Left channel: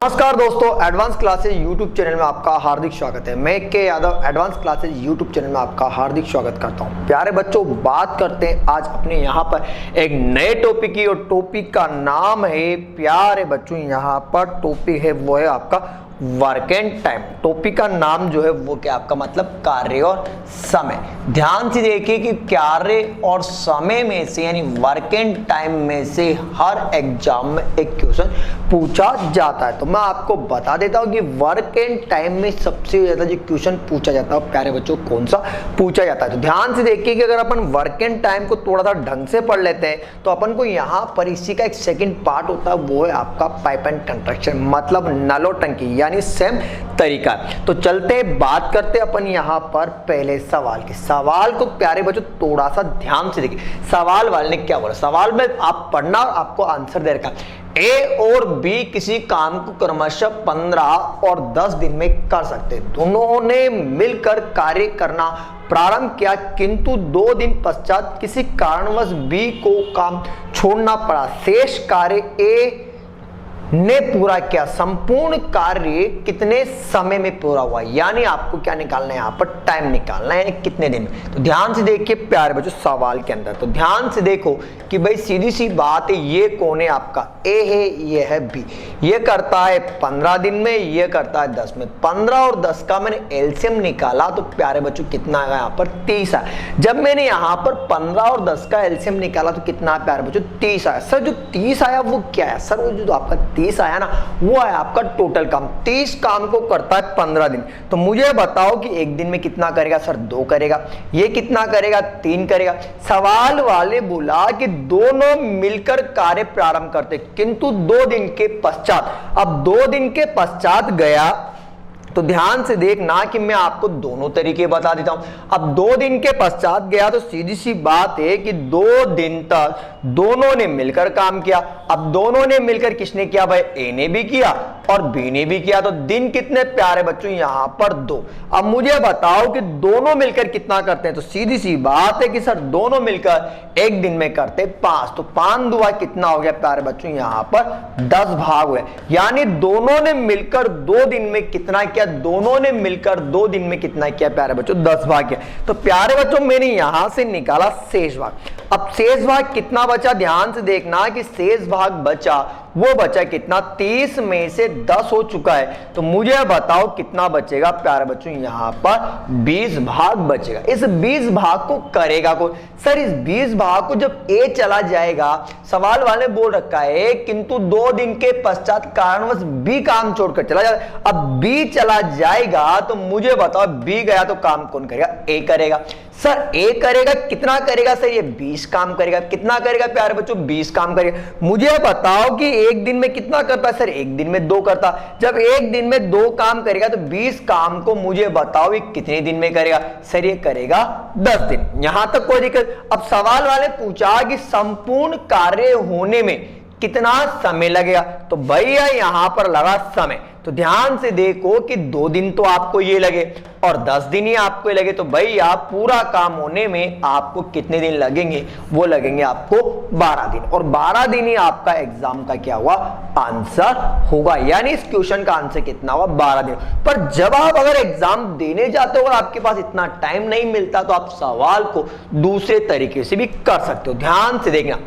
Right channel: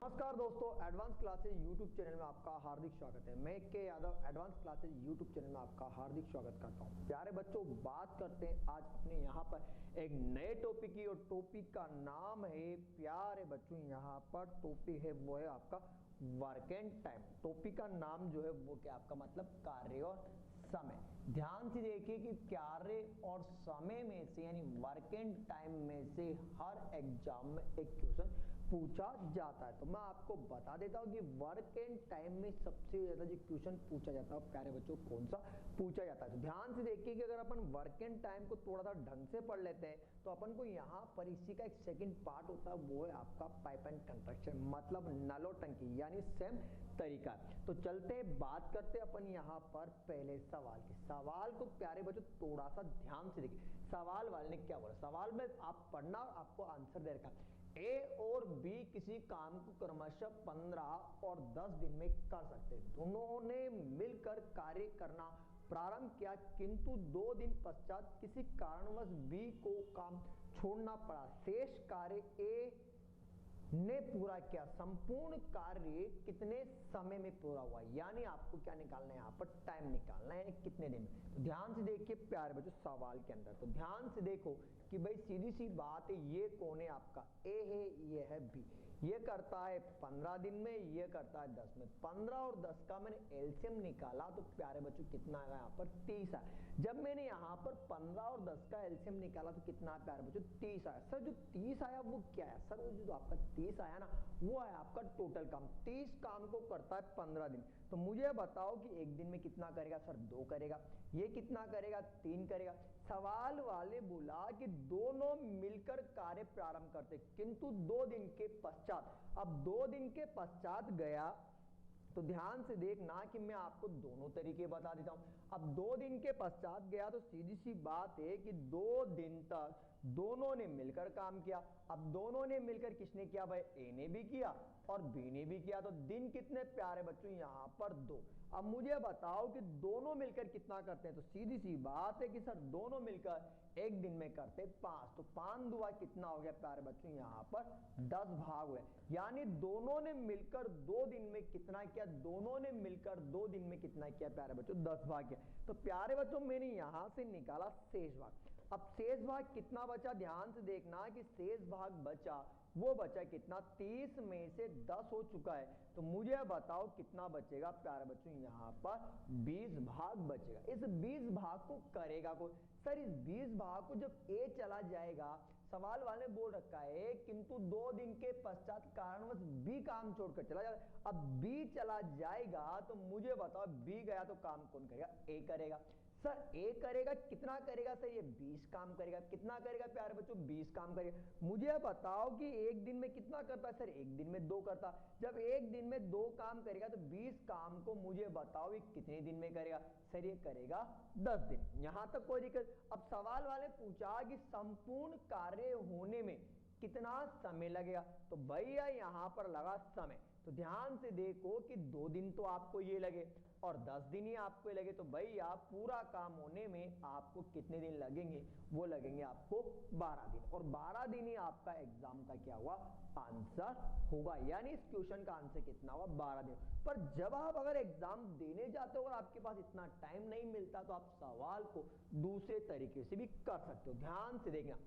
नमस्कार दोस्तों, advance classes YouTube channel में आपका हार्दिक स्वागत है। मैं के Yadav advance classes YouTube channel में आपका हार्दिक स्वागत करता हूं। प्यारे बच्चों, बात करते हैं आज अपने यहाँ पर एक नए टॉपिक की, और टॉपिक का नाम है, प्यारे बच्चों यहाँ पर टॉपिक है वो है आपका वर्क एंड टाइम। टॉपिक का नाम जो है वो क्या आपका मतलब कार्य और समय। ध्यान से देखिए कि कार्य और समय में से यानी वर्क एंड टाइम में से हर एग्जाम में एक क्वेश्चन पूछा जाता है। तो मैं आपको बता देता हूं कि वर्क एंड टाइम में सबसे ज्यादा जो क्वेश्चन पूछा जाता है प्यारे बच्चों कौन सा पूछा जाता है। तो ध्यान से देखिए कि अगर अपन वर्क एंड टाइम को थोड़ा सा ढंग से पढ़ लेते हैं तो अपन को यहाँ पर इसी का एक सेकेंड पार्ट होता है, वो है आपका पाइप एंड कंस्ट्रक्शन, मतलब नलो टंकी, यानी सेम तरीका। तो चलते हैं, बात करते हैं अपन यहाँ पर पहले सवाल के। सवाल को प्यारे बच्चों थोड़ा सा ध्यान से देखिए। सवाल वाले ने क्या बोला, सवाल में आप पढ़ना और आपको आंसर दे रखा। ए और बी किसी काम को क्रमशः 15 और 10 दिन में कर सकते। दोनों ने मिलकर कार्य करना प्रारंभ किया, किंतु 2 दिन पश्चात किसी कारणवश बी को काम छोड़ना पड़ा। शेष कार्य ए ने पूरा किया। संपूर्ण कार्य कितने समय में पूरा हुआ, यानी आपको क्या निकालना है यहाँ पर टाइम निकालना है, यानी कितने दिन में। तो ध्यान से देखिए प्यारे बच्चों सवाल के अंदर, तो ध्यान से देखो कि भाई सीधी सी बात है, ये कौन है आपका ए है, ये है बी। ये करता है 15 दिन में, ये करता है 10 में। 15 और 10 का मैंने एलसीएम निकाला तो प्यारे बच्चों कितना आया यहाँ पर 30 आया। जब मैंने यहाँ पर 15 और 10 का एलसीएम निकाला तो कितना आया प्यारे बच्चों 30 आया। सर जो 30 आया वो क्या है, सर वो जो आपका 30 आया ना वो है आपका टोटल काम। 30 काम को करता है 15 दिन। तो मुझे बताओ कि एक दिन में कितना करेगा, सर 2 करेगा। ये कितना करेगा, 3 करेगा। सवाल वाले बोला कि दोनों मिलकर कार्य प्रारंभ करते, किंतु 2 दिन के पश्चात। अब 2 दिन के पश्चात गया तो ध्यान से देखना कि मैं आपको दोनों तरीके बता देता हूं। अब 2 दिन के पश्चात गया तो सीधी सी बात है कि 2 दिन तक दोनों ने मिलकर काम किया। अब दोनों ने मिलकर किसने किया भाई, ए ने भी किया और बी ने भी किया। तो दिन कितने प्यारे बच्चों यहां पर 2। अब मुझे बताओ कि दोनों मिलकर कितना करते हैं। तो सीधी सी बात है कि सर दोनों मिलकर एक दिन में करते 5। तो 5 दुआ कितना हो गया प्यारे बच्चों यहां पर 10 भाग हुए, यानी दोनों ने मिलकर 2 दिन में कितना किया, दोनों ने मिलकर 2 दिन में कितना किया प्यारे बच्चों 10 भाग किया। तो प्यारे बच्चों मैंने यहां से निकाला शेष भाग। अब शेष भाग कितना बचा, ध्यान से देखना कि शेष भाग बचा वो बचा कितना, 30 में से 10 हो चुका है। तो मुझे बताओ कितना बचेगा प्यारे बच्चों यहां पर 20 भाग बचेगा। इस 20 भाग को करेगा कौन, सर इस 20 भाग को जब ए चला जाएगा, सवाल वाले बोल रखा है किंतु 2 दिन के पश्चात कारणवश बी काम छोड़कर चला जाएगा। अब बी चला जाएगा तो मुझे बताओ बी गया तो काम कौन करेगा, ए करेगा। सर ए करेगा, कितना करेगा सर, ये 20 काम करेगा। कितना करेगा प्यारे बच्चों 20 काम करेगा। मुझे बताओ कि एक दिन में कितना करता है, सर एक दिन में 2 करता। जब एक दिन में 2 काम करेगा तो 20 काम को मुझे बताओ ये कितने दिन में करेगा, सर ये करेगा 10 दिन। यहां तक कोई दिक्कत। अब सवाल वाले पूछा कि संपूर्ण कार्य होने में कितना समय लगेगा, तो भैया यहां पर लगा समय। तो ध्यान से देखो कि 2 दिन तो आपको ये लगे और 10 दिन ही आपको लगे, तो भैया पूरा काम होने में आपको कितने दिन लगेंगे, वो लगेंगे आपको 12 दिन। और 12 दिन ही आपका एग्जाम का क्या हुआ, आंसर होगा। यानी इस क्वेश्चन का आंसर कितना हुआ, 12 दिन। पर जब आप अगर एग्जाम देने जाते हो और आपके पास इतना टाइम नहीं मिलता तो आप सवाल को दूसरे तरीके से भी कर सकते हो। ध्यान से देखना,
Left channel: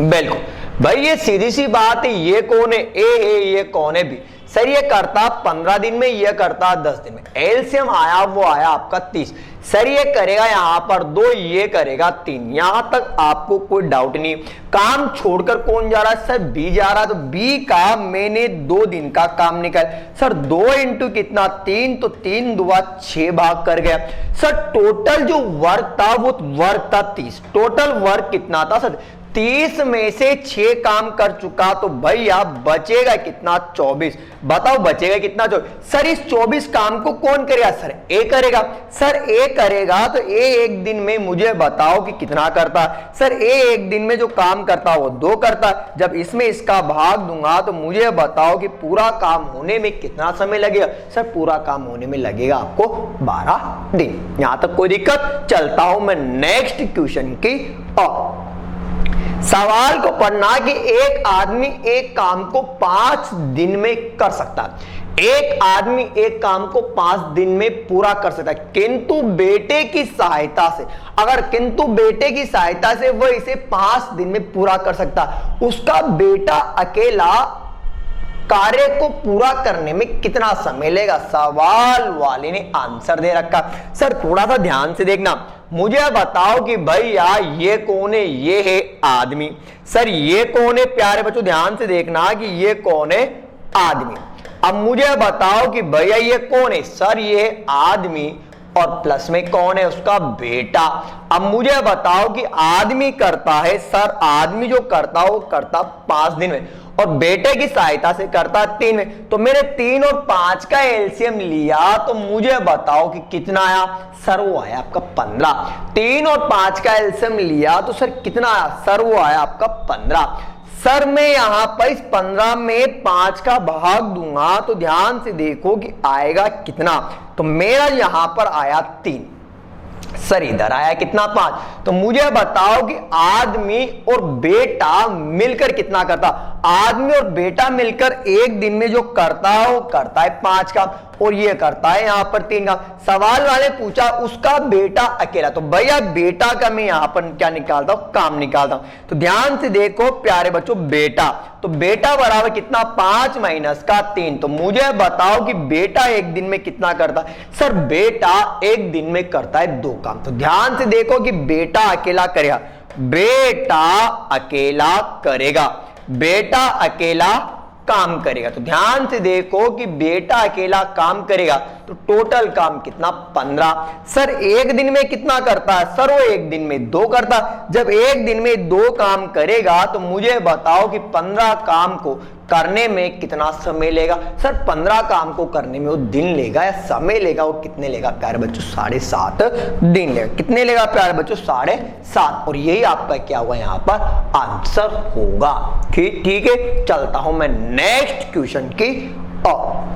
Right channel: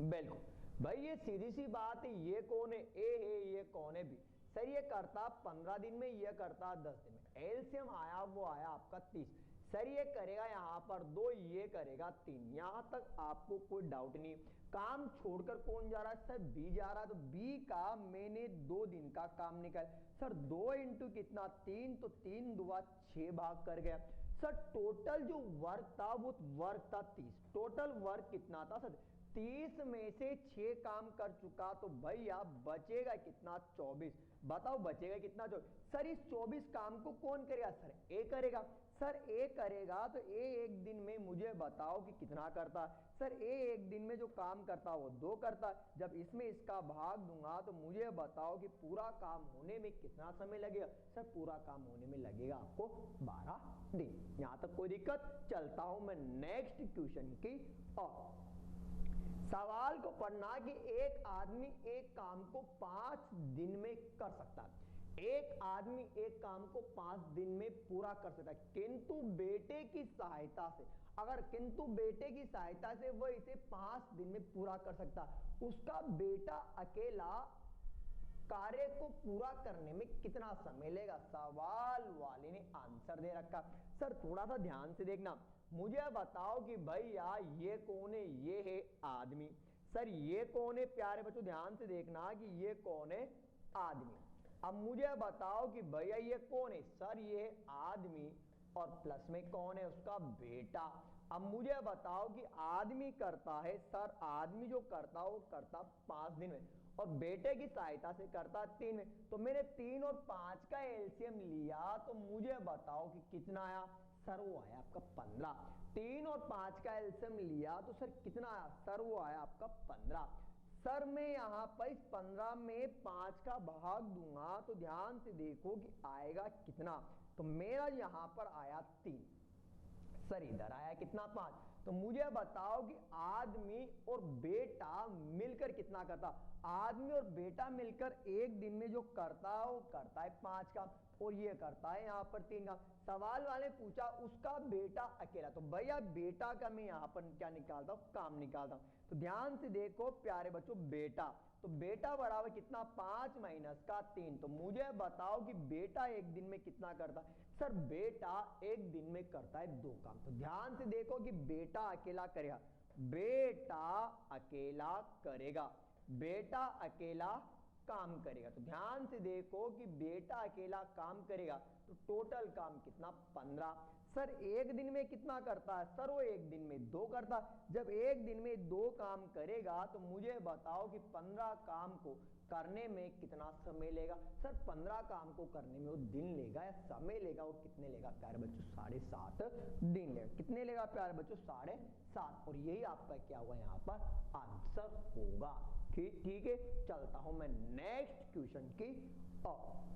बिल्कुल भाई ये सीधी सी बात है। ये कौन है, ए है, ये कौन है, बी। सर ये करता 15 दिन में, ये करता 10 दिन में। एलसीएम आया वो आया आपका 30। सर ये करेगा यहां पर 2, ये करेगा 3। यहां तक आपको कोई डाउट नहीं। काम छोड़कर कौन जा रहा है, सर बी जा रहा है। तो बी का मैंने 2 दिन का काम निकाल। सर 2 इंटू कितना 3, तो 3 दुआ 6 भाग कर गया। सर टोटल जो वर्क था वो वर्क था 30। टोटल वर्क कितना था सर 30 में से 6 काम कर चुका, तो भैया बचेगा कितना 24। बताओ बचेगा कितना 24। सर इस 24 काम को कौन करेगा, सर ए करेगा। सर ए करेगा तो ए एक दिन में मुझे बताओ कि कितना करता। सर ए एक दिन में जो काम करता वो 2 करता। जब इसमें इसका भाग दूंगा तो मुझे बताओ कि पूरा काम होने में कितना समय लगेगा। सर पूरा काम होने में लगेगा आपको 12 दिन। यहां तक कोई दिक्कत। चलता हूं मैं नेक्स्ट क्वेश्चन की ओर। सवाल को पढ़ना कि एक आदमी एक काम को 5 दिन में कर सकता है। एक आदमी एक काम को 5 दिन में पूरा कर सकता है, किंतु बेटे की सहायता से, अगर किंतु बेटे की सहायता से वह इसे 5 दिन में पूरा कर सकता है, उसका बेटा अकेला कार्य को पूरा करने में कितना समय लेगा। सवाल वाले ने आंसर दे रखा। सर थोड़ा सा ध्यान से देखना, मुझे बताओ कि भैया ये कौन है, ये है आदमी। सर ये कौन है प्यारे बच्चों, ध्यान से देखना कि ये कौन है, आदमी। अब मुझे बताओ कि भैया ये कौन है, सर ये है आदमी और प्लस में कौन है, उसका बेटा। अब मुझे बताओ कि आदमी करता है, सर आदमी जो करता है वो करता 5 दिन में और बेटे की सहायता से करता 3 में। तो मैंने 3 और 5 का एलसीएम लिया तो मुझे बताओ कि कितना आया। सर वो आया आपका 15। 3 और 5 का एलसीएम लिया तो सर कितना आया। सर वो आया आपका 15। सर मैं यहां पर इस 15 में 5 का भाग दूंगा तो ध्यान से देखो कि आएगा कितना। तो मेरा यहां पर आया 3, सर इधर आया कितना 5। तो मुझे बताओ कि आदमी और बेटा मिलकर कितना करता। आदमी और बेटा मिलकर एक दिन में जो करता है वो करता है 5 का और ये करता है यहां पर 3 का। सवाल वाले पूछा उसका बेटा अकेला, तो भैया बेटा का मैं यहां पर क्या निकालता हूं, काम निकालता हूं। तो ध्यान से देखो प्यारे बच्चों, बेटा, तो बेटा बराबर कितना 5 माइनस का 3। तो मुझे बताओ कि बेटा एक दिन में कितना करता है। सर बेटा एक दिन में करता है 2 काम। तो ध्यान से देखो कि बेटा अकेला करेगा, बेटा अकेला करेगा, बेटा अकेला काम करेगा। तो ध्यान से देखो कि बेटा अकेला काम करेगा तो टोटल काम कितना 15। सर एक दिन में कितना करता है। सर वो एक दिन में 2 करता। जब एक दिन में 2 काम करेगा तो मुझे बताओ कि 15 काम को करने में कितना समय लेगा। सर 15 काम को करने में वो दिन लेगा या समय लेगा, वो कितने लेगा प्यारे बच्चों, 7.5 दिन लेगा। कितने लेगा प्यारे बच्चों, 7.5। और यही आपका क्या हुआ यहाँ पर आंसर होगा। ठीक है, चलता हूं मैं नेक्स्ट क्वेश्चन की ओर।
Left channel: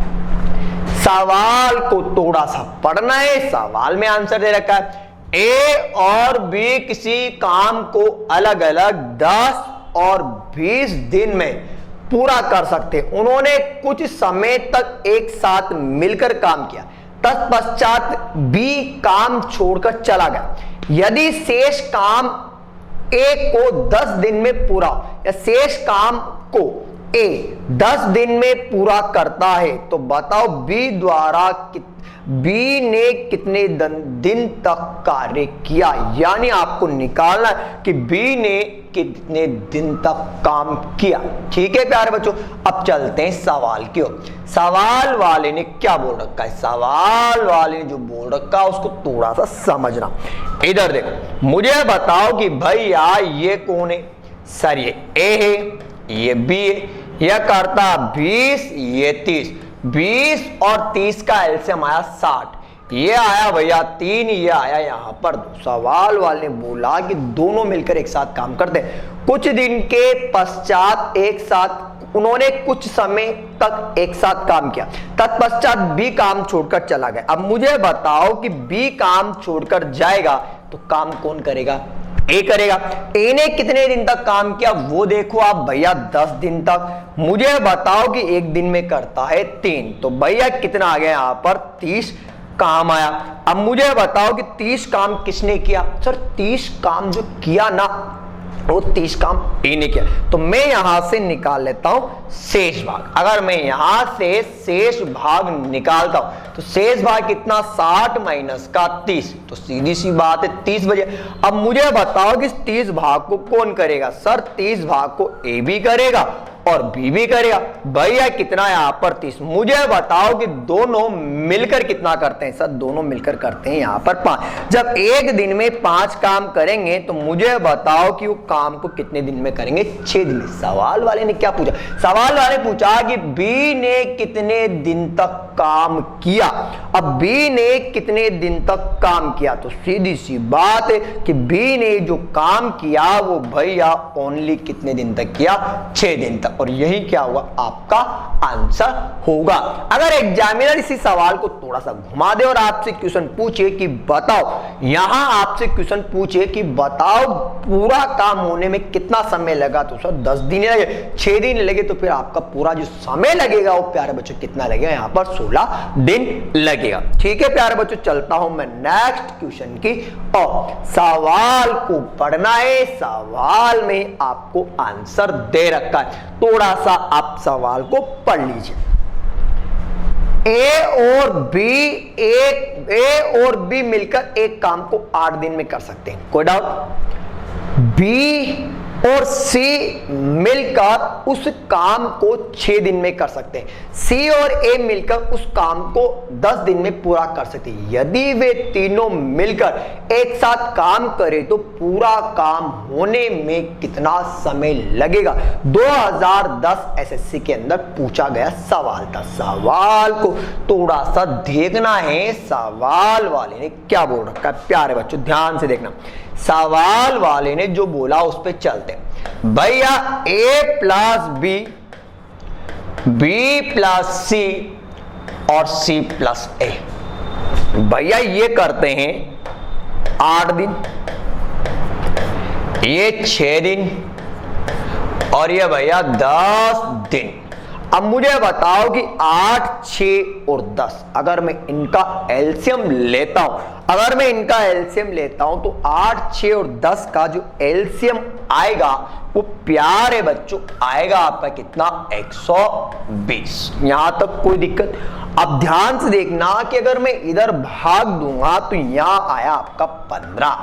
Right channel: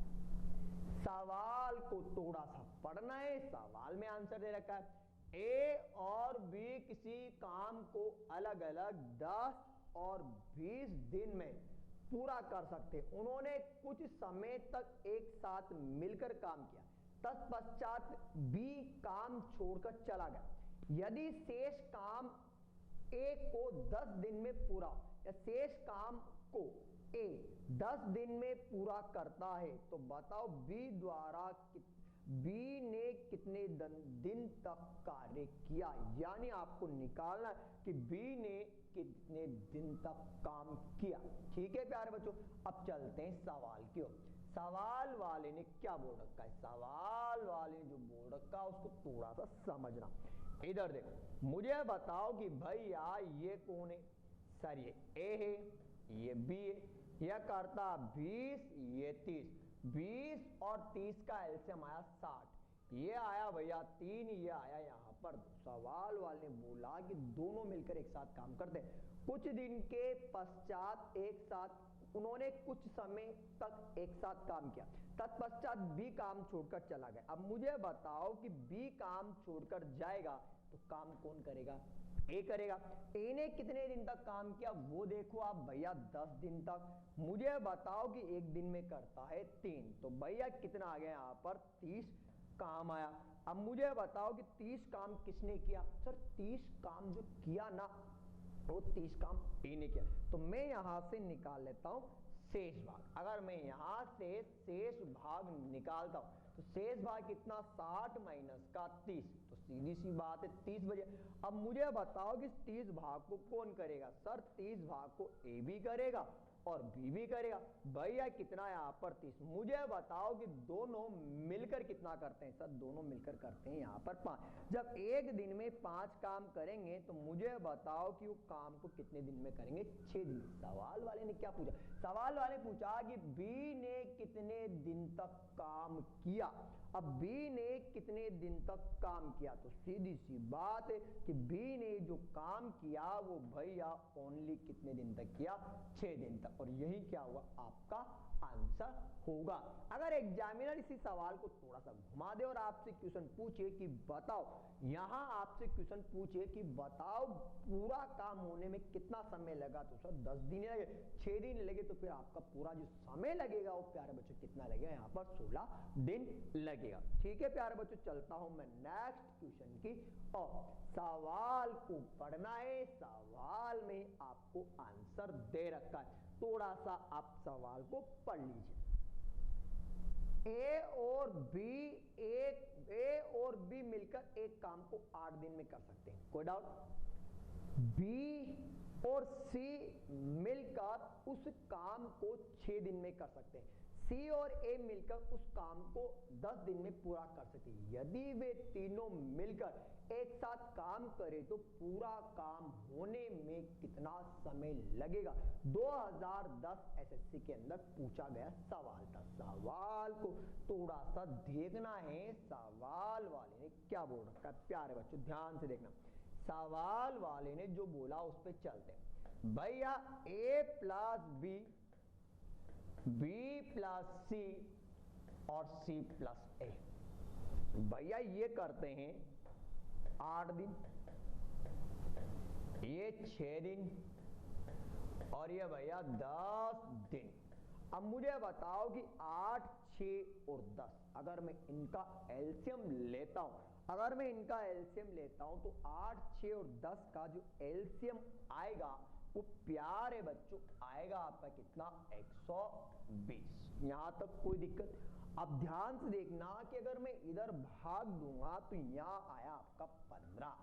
सवाल को थोड़ा सा पढ़ना है, सवाल में आंसर दे रखा है। ए और बी किसी काम को अलग अलग 10 और 20 दिन में पूरा कर सकते। उन्होंने कुछ समय तक एक साथ मिलकर काम किया, तत्पश्चात बी काम छोड़कर चला गया। यदि शेष काम ए को 10 दिन में पूरा, या शेष काम को ए 10 दिन में पूरा करता है तो बताओ बी ने कितने दिन तक कार्य किया। यानी आपको निकालना कि बी ने कितने दिन तक काम किया। ठीक है प्यारे बच्चों, अब चलते हैं सवाल की ओर। सवाल वाले ने क्या बोल रखा है, सवाल वाले ने जो बोल रखा है उसको थोड़ा सा समझना। इधर देखो, मुझे बताओ कि भैया ये कौन है। सर ये ए है, ये बी है, यह करता 20, ये 30। 20 और 30 का एलसीएम आया 60। ये आया भैया 3, ये आया यहां पर 2। सवाल वाले ने बोला कि दोनों मिलकर एक साथ काम करते हैं। कुछ दिन के पश्चात एक साथ उन्होंने कुछ समय तक एक साथ काम किया, तत्पश्चात बी काम छोड़कर चला गया। अब मुझे बताओ कि बी काम छोड़कर जाएगा तो काम कौन करेगा, ए करेगा। ए ने कितने दिन तक काम किया वो देखो आप भैया, 10 दिन तक। मुझे बताओ कि एक दिन में करता है 3, तो भैया कितना आ गया यहां पर 30 काम आया। अब मुझे बताओ कि 30 काम किसने किया। सर 30 काम जो किया ना वो 30 काम ए ने किया। तो मैं यहां से निकाल लेता हूं शेष भाग। अगर मैं यहां से शेष भाग निकालता हूं तो शेष भाग कितना 60 माइनस का 30। तो सीधी सी बात है 30 बजे। अब मुझे बताओ कि 30 भाग को कौन करेगा। सर 30 भाग को ए भी करेगा और बी भी करेगा। भैया कितना यहां पर 30। मुझे बताओ कि दोनों मिलकर कितना करते हैं। सर दोनों मिलकर करते हैं यहां पर 5। जब एक दिन में 5 काम करेंगे तो मुझे बताओ कि वो काम को कितने दिन में करेंगे, 6 दिन में। सवाल वाले ने क्या पूछा, सवाल वाले पूछा कि बी ने कितने दिन तक काम किया। अब बी ने कितने दिन तक काम किया, तो सीधी सी बात है कि बी ने जो काम किया वो भैया ओनली कितने दिन तक किया, 6 दिन तक। और यही क्या होगा, आपका आंसर होगा। अगर एग्जामिनर इसी सवाल को थोड़ा सा घुमा दे और आपसे क्वेश्चन पूछे कि बताओ, यहां आपसे क्वेश्चन पूछे कि बताओ पूरा काम होने में कितना समय लगा, तो सर 10 दिन लगे, 6 दिन लगे, तो फिर आपका पूरा जो समय लगेगा वो प्यारे बच्चों कितना लगेगा, यहां पर 16 दिन लगेगा। ठीक है प्यारे बच्चों, चलता हूं मैं नेक्स्ट क्वेश्चन की और सवाल को पढ़ना है। सवाल में आपको आंसर दे रखा है, थोड़ा सा आप सवाल को पढ़ लीजिए। ए और बी मिलकर एक काम को 8 दिन में कर सकते हैं, कोई डाउट। बी और सी मिलकर उस काम को 6 दिन में कर सकते हैं। सी और ए मिलकर उस काम को 10 दिन में पूरा कर सकते हैं। यदि वे तीनों मिलकर एक साथ काम करें तो पूरा काम होने में कितना समय लगेगा। 2010 एसएससी के अंदर पूछा गया सवाल था। सवाल को थोड़ा सा देखना है, सवाल वाले ने क्या बोल रखा है प्यारे बच्चों, ध्यान से देखना। सवाल वाले ने जो बोला उस पे चलते हैं। भैया ए प्लस बी, बी प्लस सी और सी प्लस ए, भैया ये करते हैं 8 दिन, ये 6 दिन और ये भैया 10 दिन। अब मुझे बताओ कि 8, 6 और 10 अगर मैं इनका एलसीएम लेता हूं, अगर मैं इनका एलसीएम लेता हूं तो 8, 6 और 10 का जो एलसीएम आएगा वो प्यारे बच्चों आएगा आपका कितना, 120। यहां तक कोई दिक्कत। अब ध्यान से देखना कि अगर मैं इधर भाग दूंगा तो यहां आया आपका 15,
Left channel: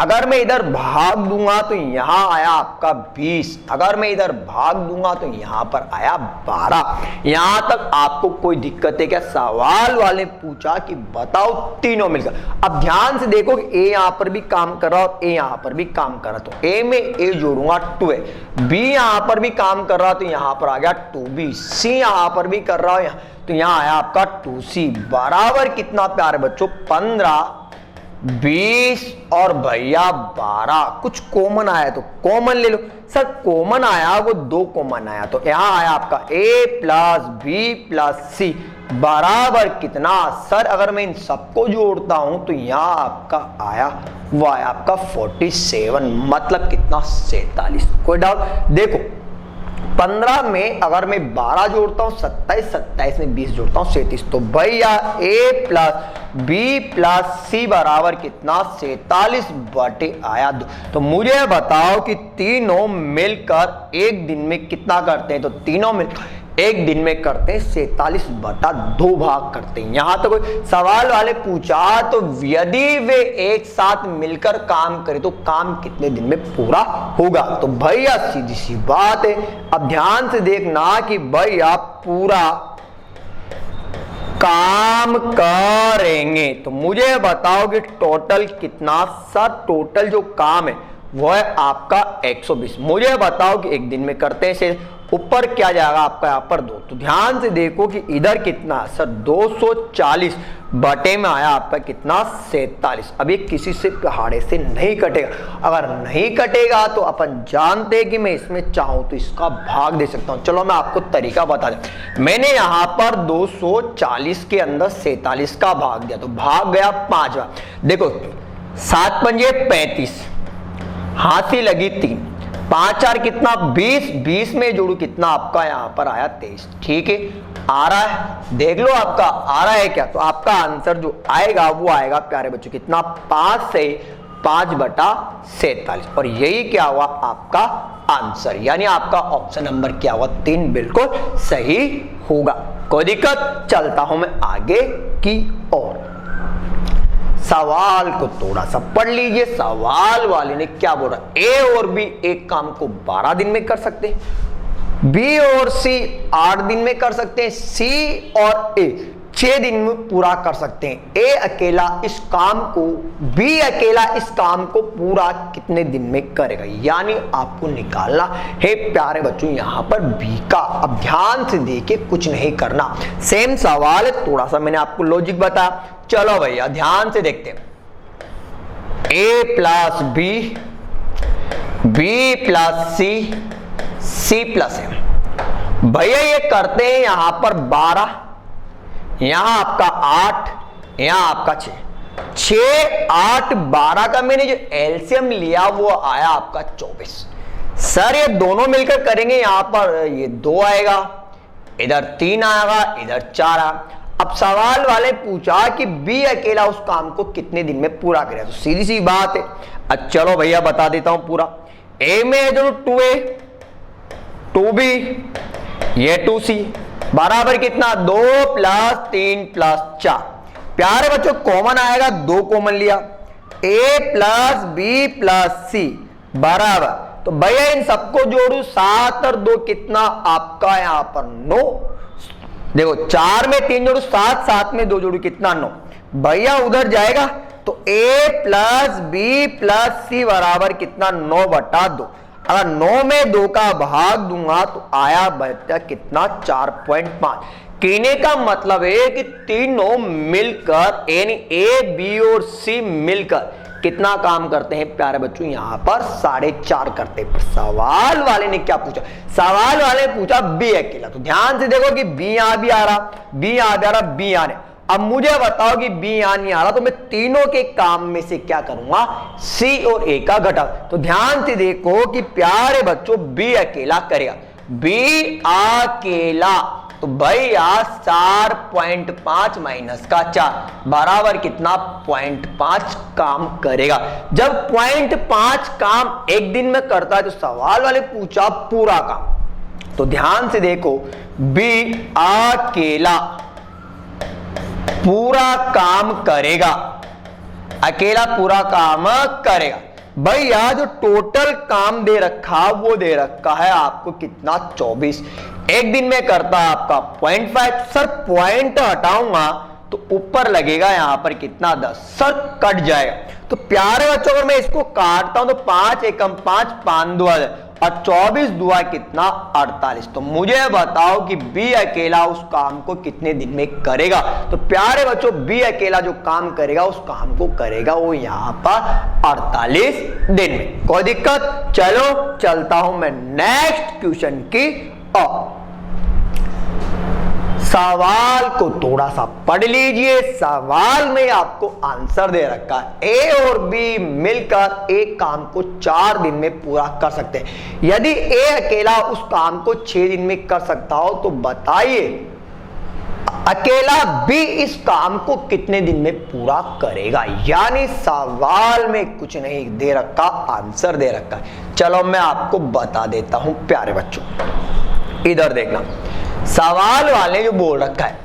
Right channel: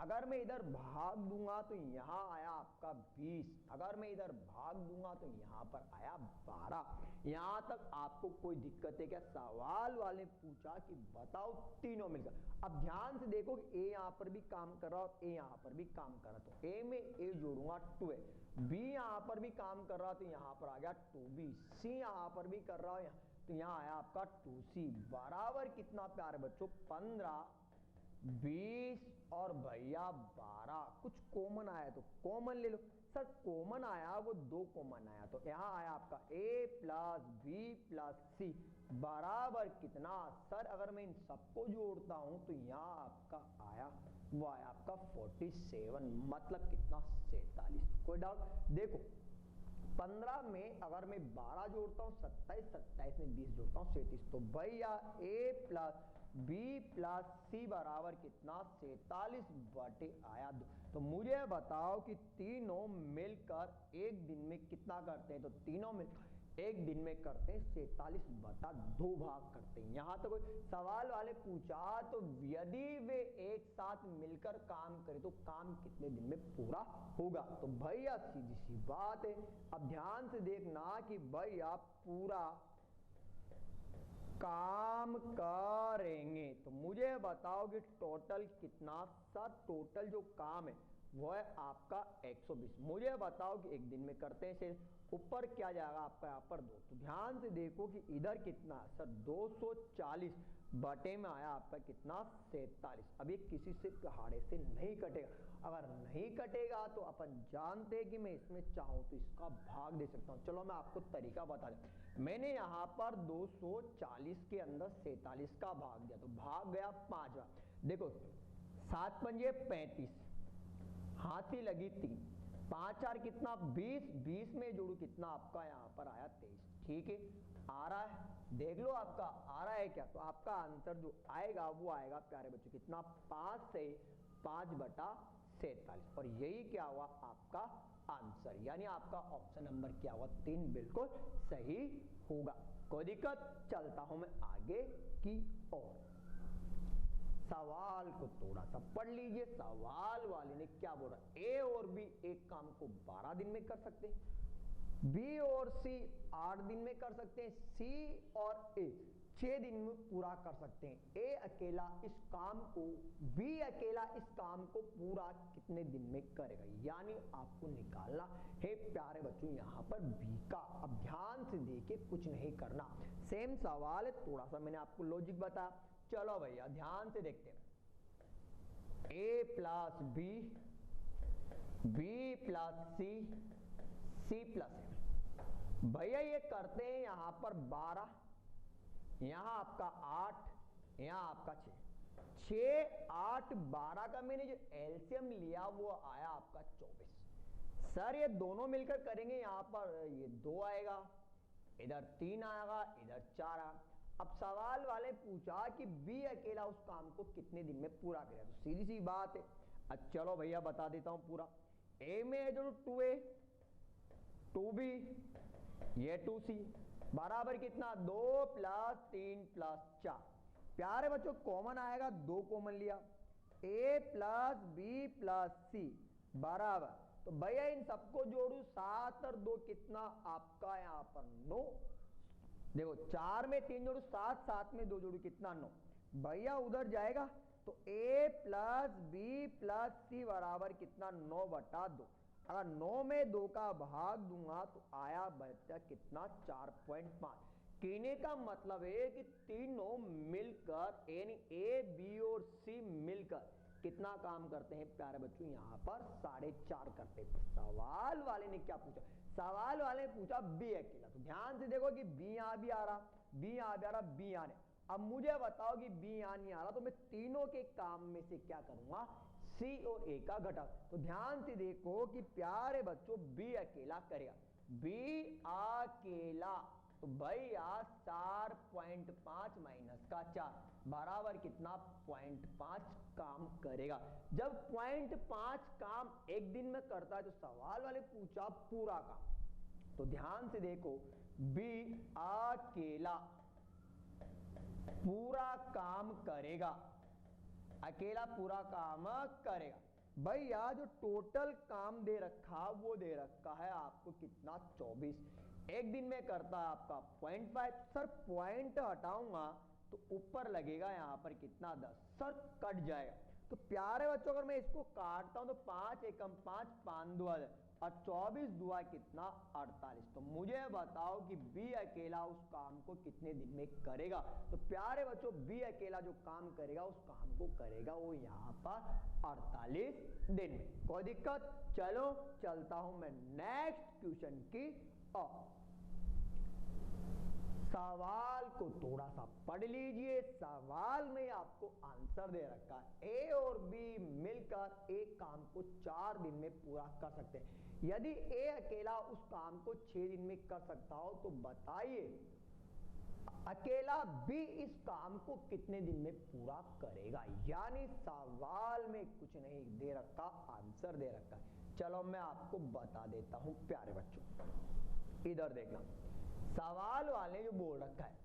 अगर मैं इधर भाग दूंगा तो यहां आया आपका 20, अगर मैं इधर भाग दूंगा तो यहां पर आया 12। यहां तक आपको कोई दिक्कत है क्या? सवाल वाले पूछा कि बताओ तीनों मिलकर। अब ध्यान से देखो कि ए यहां पर भी काम कर रहा है और ए यहां पर भी काम कर रहा है, तो ए में ए जोड़ूंगा 2 है, बी यहां पर भी काम कर रहा है तो यहां पर आ गया 2b, सी यहां पर भी कर रहा है तो यहां आया आपका 2c बराबर कितना प्यारे बच्चों, 15, 20 और भैया 12। कुछ कॉमन आया तो कॉमन ले लो। सर कॉमन आया वो 2 कॉमन आया तो यहां आया आपका a प्लस बी प्लस सी बराबर कितना। सर अगर मैं इन सबको जोड़ता हूं तो यहां आपका आया वो आया आपका 47, मतलब कितना, 47। कोई डाउट? देखो 15 में अगर मैं 12 जोड़ता हूं 27, 27 में 20 जोड़ता हूं 37, तो भैया a प्लस बी प्लस सी बराबर कितना, 47 बटे आया 2। तो मुझे बताओ कि तीनों मिलकर एक दिन में कितना करते हैं, तो तीनों मिलकर एक दिन में करते हैं 47 बटा 2 भाग करते हैं। यहां तो कोई सवाल वाले पूछा तो यदि वे एक साथ मिलकर काम करें तो काम कितने दिन में पूरा होगा, तो भैया सीधी सी बात है। अब ध्यान से देखना कि भैया पूरा काम करेंगे तो मुझे बताओ कि टोटल कितना। सर टोटल जो काम है वो है आपका 120। मुझे बताओ कि एक दिन में करते हैं से ऊपर क्या जाएगा आपका यहाँ पर 2, तो ध्यान से देखो कि इधर कितना। सर 240 बटे में आया आपका कितना, 47। अब ये किसी से पहाड़े से नहीं कटेगा, अगर नहीं कटेगा तो अपन जानते हैं कि मैं इसमें चाहूं तो इसका भाग दे सकता हूं। चलो मैं आपको तरीका बता दूं। मैंने यहां पर 240 के अंदर 47 का भाग दिया तो भाग गया 5 बार। देखो 7 पंजे 35, हाथी लगी 3, 5 4 कितना, 20, 20 में जोड़ू कितना आपका यहां पर आया 23। ठीक है, आ रहा है, देख लो आपका आ रहा है क्या। तो आपका आंसर जो आएगा वो आएगा प्यारे बच्चों कितना, 5 से 5 बटा 47। और यही क्या हुआ आपका आंसर, यानी आपका ऑप्शन नंबर क्या हुआ, 3 बिल्कुल सही होगा। कोई दिक्कत? चलता हूं मैं आगे की ओर। सवाल को थोड़ा सा पढ़ लीजिए। सवाल वाले ने क्या बोला, ए और बी एक काम को 12 दिन में कर सकते हैं, बी और सी 8 दिन में कर सकते हैं, सी और ए 6 दिन में पूरा कर सकते हैं। बी अकेला इस काम को पूरा कितने दिन में करेगा, यानी आपको निकालना है प्यारे बच्चों यहां पर बी का। अब ध्यान से देखिए, कुछ नहीं करना, सेम सवाल है, थोड़ा सा मैंने आपको लॉजिक बताया। चलो भैया ध्यान से देखते हैं, ए प्लस बी, बी प्लस सी, सी प्लस एम। भैया ये करते हैं यहां पर 12, यहां आपका 8, यहां आपका 6, 6, 8, 12 का मैंने जो एलसीएम लिया वो आया आपका 24। सर ये दोनों मिलकर करेंगे, यहां पर ये 2 आएगा, इधर 3 आएगा, इधर 4 आएगा। अब सवाल वाले पूछा कि बी अकेला उस काम को कितने दिन में पूरा करेगा, तो सीधी सी बात है। अब चलो भैया बता देता हूं पूरा। ए में है जो 2A, 2B, ये 2C बराबर कितना 2 प्लस 3 प्लस 4। प्यारे बच्चों कॉमन आएगा, 2 कॉमन लिया, A प्लस बी प्लस सी बराबर, तो भैया इन सबको जोड़ू 7 और 2 कितना आपका यहां पर 9। देखो 4 में 3 जोड़ू 7, 7 में 2 जोड़ू कितना 9। भैया उधर जाएगा तो A प्लस बी प्लस सी बराबर कितना 9/2। अगर 9 में 2 का भाग दूंगा तो आया बच्चा कितना 4.5। कहने का मतलब है कि तीनों मिलकर यानी A, B और C मिलकर कितना काम करते हैं प्यारे बच्चों, यहां पर 4.5 करते हैं। पर सवाल वाले ने क्या पूछा, सवाल वाले ने पूछा बी अकेला। तो ध्यान से देखो कि बी यहां भी आ रहा, बी यहां भी आ रहा, बी यहां है। अब मुझे बताओ कि बी यहां नहीं आ रहा, तो मैं तीनों के काम में से क्या करूंगा, सी और ए का घटक। तो ध्यान से देखो कि प्यारे बच्चों बी अकेला करेगा, बी अकेला, तो भैया 4.5 माइनस का 4 बराबर कितना 0.5 काम करेगा। जब 0.5 काम एक दिन में करता है तो सवाल वाले पूछा पूरा काम। तो ध्यान से देखो बी अकेला पूरा काम करेगा, अकेला पूरा काम करेगा। भैया जो टोटल काम दे रखा वो दे रखा है आपको कितना 24, एक दिन में करता है आपका 0.5। सर पॉइंट हटाऊंगा तो ऊपर लगेगा यहां पर कितना 10, सर कट जाएगा। तो प्यारे बच्चों अगर मैं इसको काटता हूं तो 5 एकम 5, 5 2 और 24 दुआ कितना 48। तो मुझे बताओ कि बी अकेला उस काम को कितने दिन में करेगा। तो प्यारे बच्चों बी अकेला जो काम करेगा उस काम को करेगा वो यहां पर 48 दिन में। कोई दिक्कत? चलो चलता हूं मैं नेक्स्ट क्वेश्चन की ओर। सवाल को थोड़ा सा पढ़ लीजिए, सवाल में आपको आंसर दे रखा है ए और बी मिलकर एक काम को 4 दिन में पूरा कर सकते हैं। यदि ए अकेला उस काम को 6 दिन में कर सकता हो तो बताइए अकेला बी इस काम को कितने दिन में पूरा करेगा। यानी सवाल में कुछ नहीं दे रखा, आंसर दे रखा है। चलो मैं आपको बता देता हूं प्यारे बच्चों, इधर देखना। सवाल वाले जो बोल रखा है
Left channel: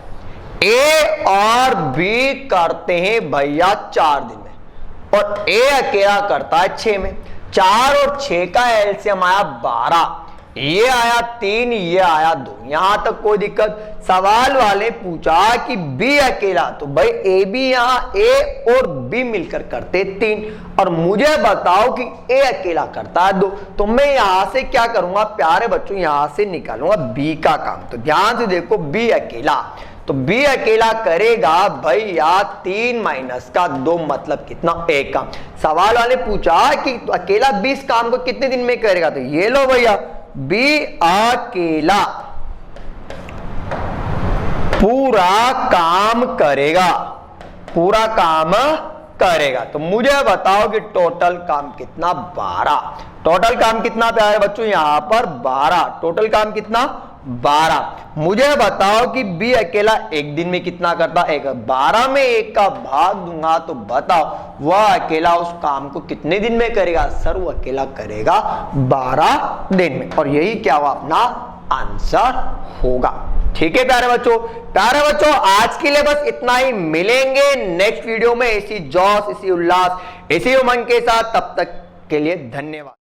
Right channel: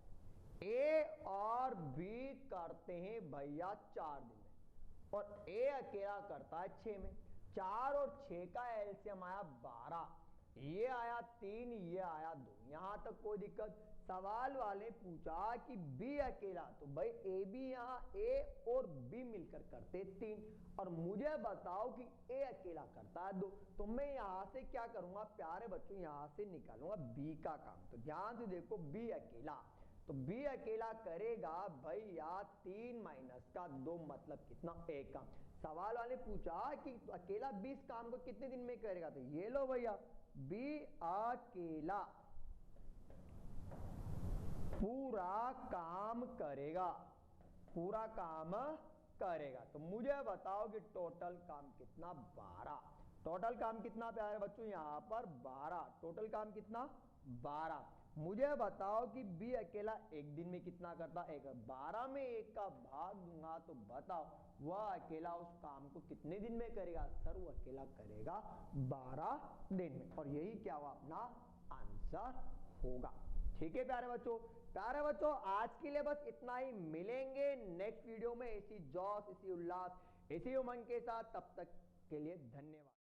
ए और बी करते हैं भैया 4 दिन में और ए अकेला करता है 6 में। 4 और 6 का एलसीएम आया 12, ये आया 3, ये आया 2, यहां तक कोई दिक्कत। सवाल वाले पूछा कि बी अकेला, तो भाई ए बी यहां ए और बी मिलकर करते 3 और मुझे बताओ कि ए अकेला करता है 2। तो मैं यहां से क्या करूंगा प्यारे बच्चों, यहां से निकालूंगा बी का काम। तो ध्यान से देखो बी अकेला, तो बी अकेला करेगा भैया 3 माइनस का 2 मतलब कितना 1 काम। सवाल वाले पूछा कि तो अकेला 20 काम को कितने दिन में करेगा, तो ये लो भैया बी अकेला पूरा काम करेगा, पूरा काम करेगा। तो मुझे बताओ कि टोटल काम कितना 12। टोटल काम कितना प्यारे बच्चों यहां पर 12, टोटल काम कितना 12। मुझे बताओ कि बी अकेला एक दिन में कितना करता है, 12 में 1 का भाग दूंगा तो बताओ वह अकेला उस काम को कितने दिन में करेगा। सर वो अकेला करेगा 12 दिन में और यही क्या हुआ अपना आंसर होगा। ठीक है प्यारे बच्चों, प्यारे बच्चों आज के लिए बस इतना ही। मिलेंगे नेक्स्ट वीडियो में इसी जोश, इसी उल्लास, इसी उमंग के साथ। तब तक के लिए धन्यवाद।